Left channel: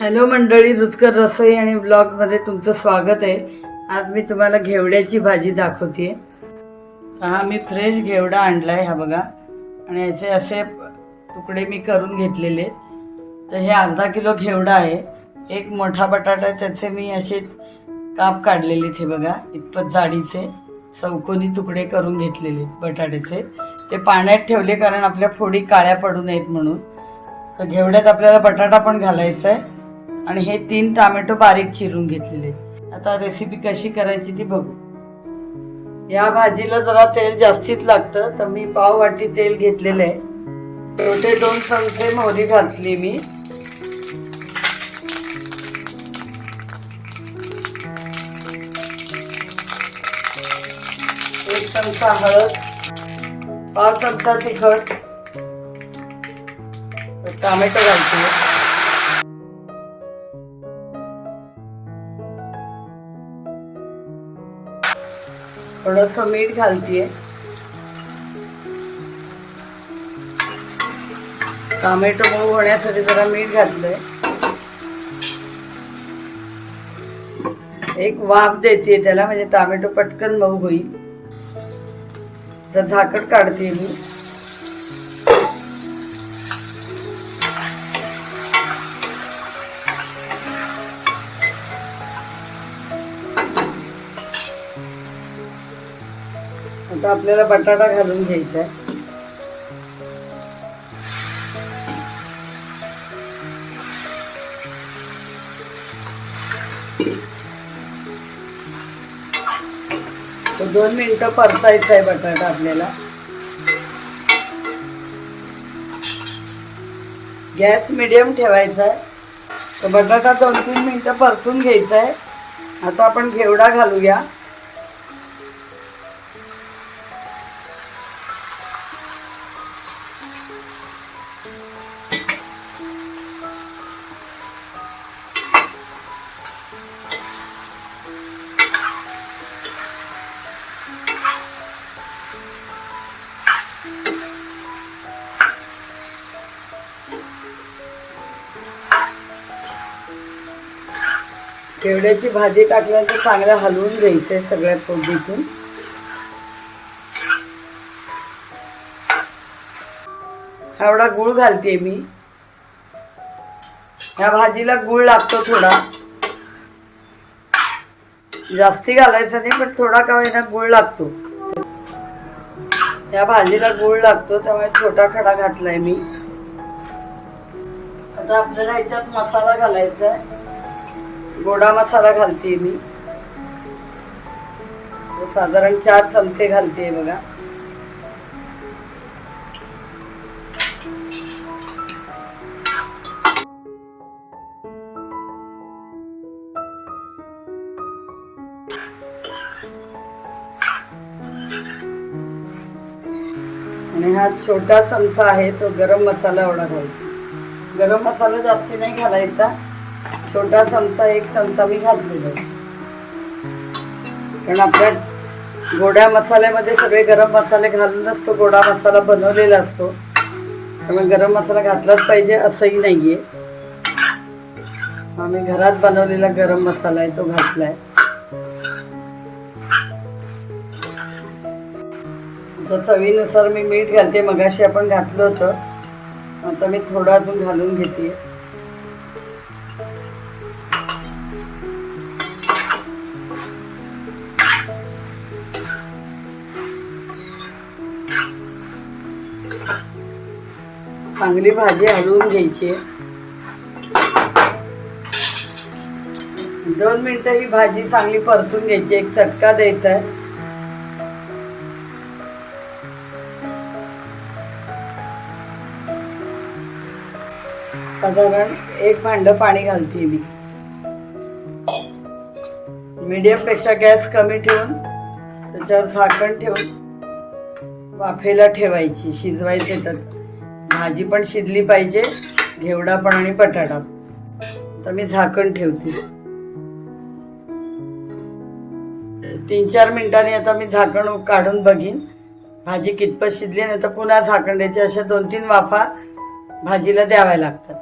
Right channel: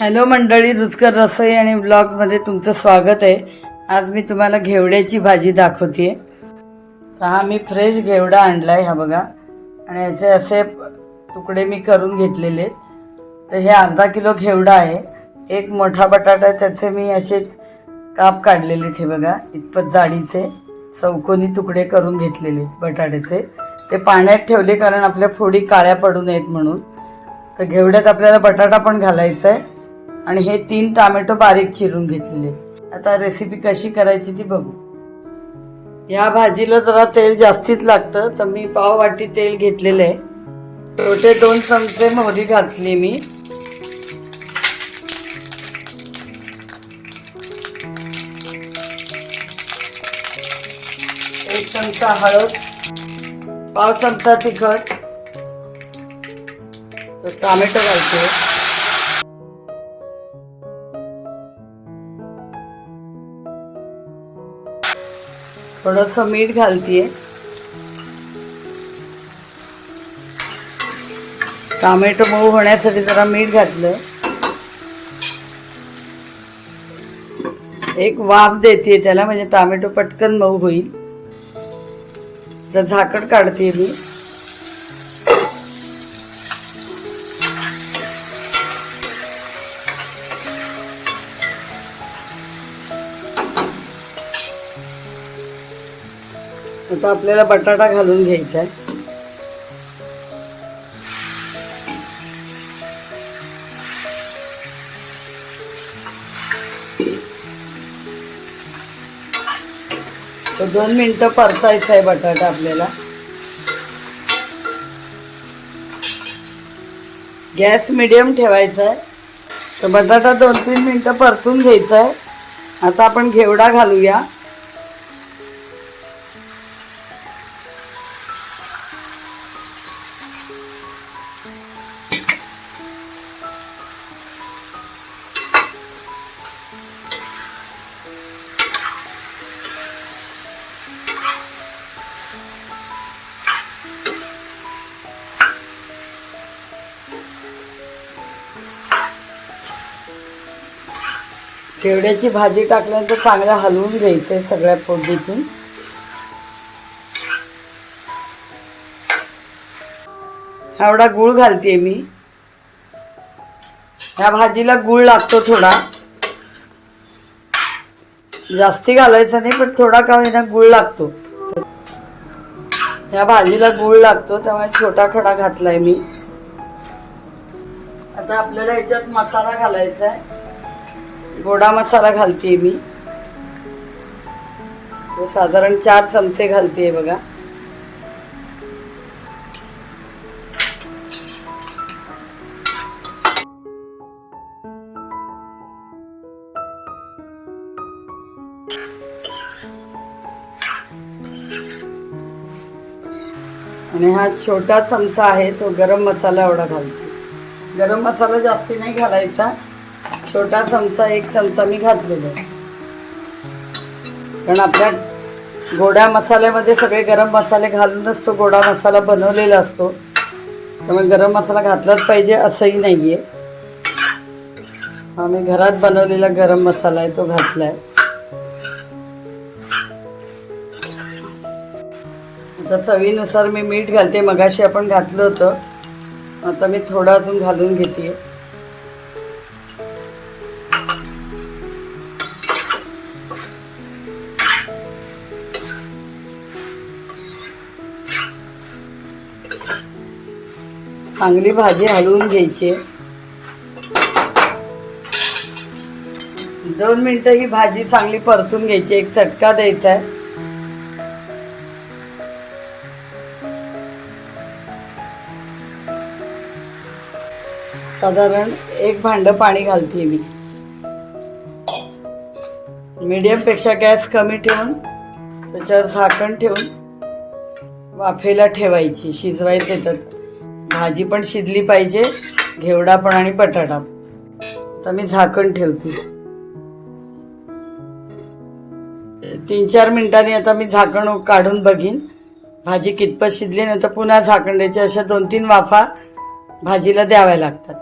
Hello मंडळी रुचकर रसोई आणि ब्लॉगमध्ये तुमचं स्वागत आहे. आज मी तुम्हाला घेवड्याची भाजी दाखवते हा मी फ्रेश घेवडा आणला आहे हा बघा. आणि याचे असे तुकडे मी करून घेतलेले तर हे अर्धा किलो घेवडा आहे. एक मोठा बटाटा आहे त्याचे मी असे काप काढलेले आहेत हे बघा. इतपत जाडीचे चौकोनी तुकडे करून घेतलेले बटाट्याचे. ते पाण्यात ठेवले कारण आपल्या फोडी काळ्या पडू नयेत म्हणून. तर घेवड्यात आपल्याला बटाटा पण घालायचा आहे. आणि हे तीन टोमॅटो बारीक चिरून घेतलेले. आता रेसिपी कशी करायची ती बघू. या भाजीला जरा तेल जास्तीच लागतं तर मी पाव वाटी तेल घेतलेलं आहे. छोटे दोन चमचे मोहरी घातली मी. एक चमचा हळद पाव चमचा तिखट टोमॅटो घालते. थोडस मीठ घालतीये. टोमॅटो मऊ होण्यासाठी जरा मीठ घातलंय. एक वाफ देते त्याला म्हणजे टोमॅटो पटकन मऊ होईल. तर झाकण काढते मी. आता आपल्याला बटाटा घालून घ्यायचा आहे. तर दोन मिनटं परतायचा आहे बटाटा आपल्याला. गॅस मिडियम ठेवायचा आहे. तर बटाटा दोन तीन मिनटं परतून घ्यायचा आहे. आता आपण घेवडा घालूया. शेवड्याची भाजी टाकल्यानंतर चांगलं हलवून घ्यायचं आहे सगळ्या फोडणीतून एवढा गुळ घालते मी. ह्या भाजीला गुळ लागतो थोडा. जास्ती घालायचा नाही पण थोडा का होईना गुळ लागतो. ह्या भाजीला गुळ लागतो त्यामुळे छोटा खडा घातलाय मी. आता आपल्याला ह्याच्यात मसाला घालायचा आहे गोडा मसाला घालते मी. तो साधारण चार चमचे घालते बघा. आणि हा छोटा चमचा आहे तो गरम मसाला एवढा घालतो. गरम मसाला जास्ती नाही घालायचा. छोटा चमचा एक चमचा मी घातलेला. कारण आपल्या गोड्या मसाल्यामध्ये सगळे गरम मसाले घालूनच तो गोडा मसाला बनवलेला असतो. त्यामुळे गरम मसाला घातलाच पाहिजे असंही नाही आहे आम्ही घरात बनवलेला गरम मसाला आहे तो घातला आहे आता चवीनुसार मी मीठ घालते मगाशी आपण घातलं होतं. आता मी थोडा अजून घालून घेते. चांगली भाजी हलवून घ्यायची. दोन मिनिटं ही भाजी चांगली परतून घ्यायची एक चटका द्यायचा आहे. साधारण एक भांड पाणी घालते मी. मीडियमपेक्षा गॅस कमी ठेवून त्याच्यावर झाकण ठेवून वाफेला ठेवायची शिजवायचे तर भाजी पण शिजली पाहिजे घेवडा पण आणि बटाटा. तर मी झाकण ठेवते. तीन चार मिनिटांनी आता मी झाकण काढून बघीन. भाजी कितपत शिजली नाही तर पुन्हा झाकण द्यायची. अशा दोन तीन वाफा भाजीला द्याव्या लागतात.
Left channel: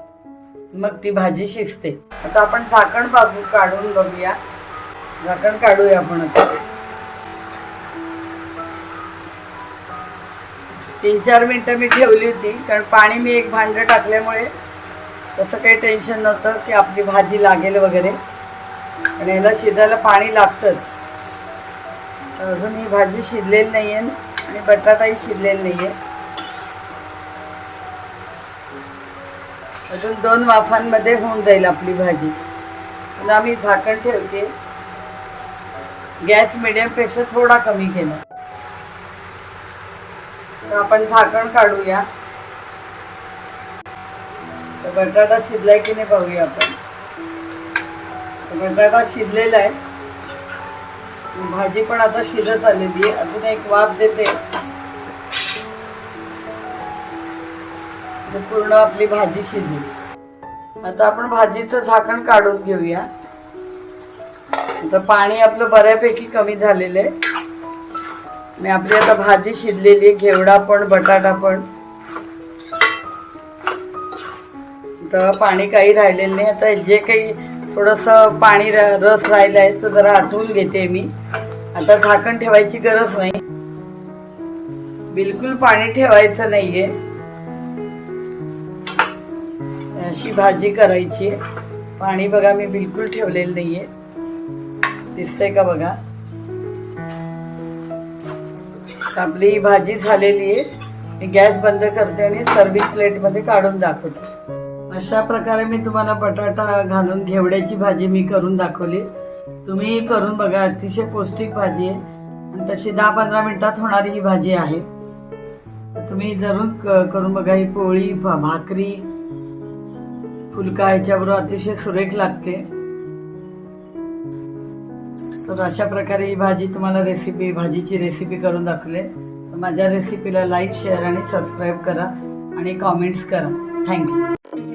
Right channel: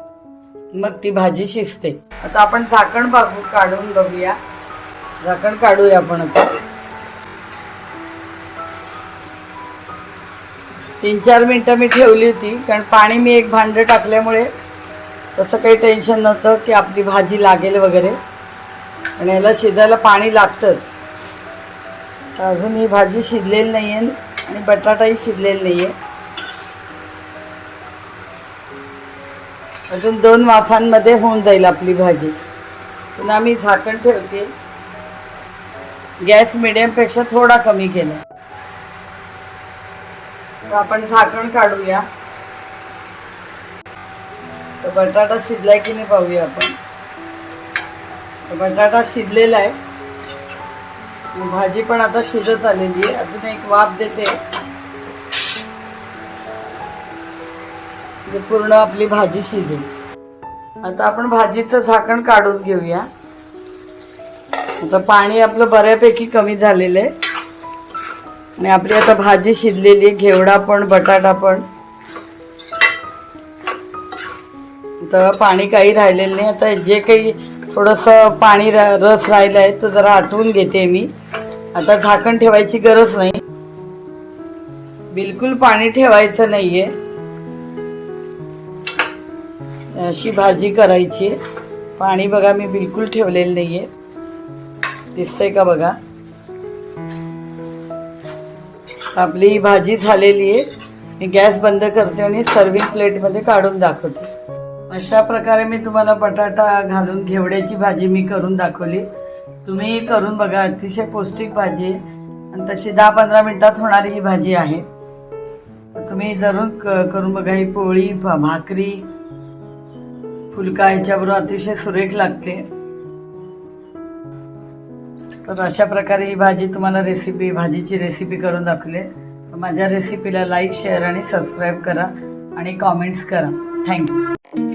मग ती भाजी शिजते. आता आपण झाकण बाबू काढून बघूया. झाकण काढूया आपण आता. तीन चार मिनटं मी ठेवली होती कारण पाणी मी एक भांडं टाकल्यामुळे तसं काही टेन्शन नव्हतं की आपली भाजी लागेल वगैरे. आणि याला शिजायला पाणी लागतंच. अजून ही भाजी शिजलेली नाही आहे आणि बटाटाही शिजलेला नाही आहे अजून दोन वाफांमध्ये होऊन जाईल आपली भाजी. पुन्हा मी झाकण ठेवते. गॅस मिडियमपेक्षा थोडा कमी केला. तर आपण झाकण काढूया. बटाटा शिजलाय की नाही पाहूया आपण. बटाटा शिजलेला आहे. भाजी पण आता शिजत आलेली आहे. अजून एक वाफ देते. म्हणजे पूर्ण आपली भाजी शिजेल. आता आपण भाजीचं झाकण काढून घेऊया. आता पाणी आपलं बऱ्यापैकी कमी झालेलं आहे. आणि आपली आता भाजी शिजलेली आहे घेवडा पण बटाटा पण. तर पाणी काही राहिलेलं नाही. आता जे काही थोडंसं पाणी रा- रस राहिलं आहे तो जरा आटवून घेते मी. आता झाकण ठेवायची गरज नाही. बिलकुल पाणी ठेवायचं नाहीये. अशी भाजी करायची आहे. पाणी बघा मी बिलकुल ठेवलेलं नाहीये. दिसतंय का बघा? आपली भाजी झालेली आहे. मी गॅस बंद करते आणि सर्विंग प्लेटमध्ये काढून दाखवते. अशा प्रकारे मी तुम्हाला बटाटा घालून घेवड्याची भाजी मी करून दाखवली. तुम्ही करून बघा अतिशय पौष्टिक भाजी आहे. आणि तशी दहा पंधरा मिनटात होणारी ही भाजी आहे. तुम्ही जरूर क- करून बघा ही पोळी भाकरी फुलका याच्याबरोबर अतिशय सुरेख लागते. तर अशा प्रकारे ही भाजी तुम्हाला रेसिपी भाजीची रेसिपी करून दाखवली तर माझ्या रेसिपीला लाईक शेअर आणि सबस्क्राईब करा आणि कॉमेंट्स करा. थँक्यू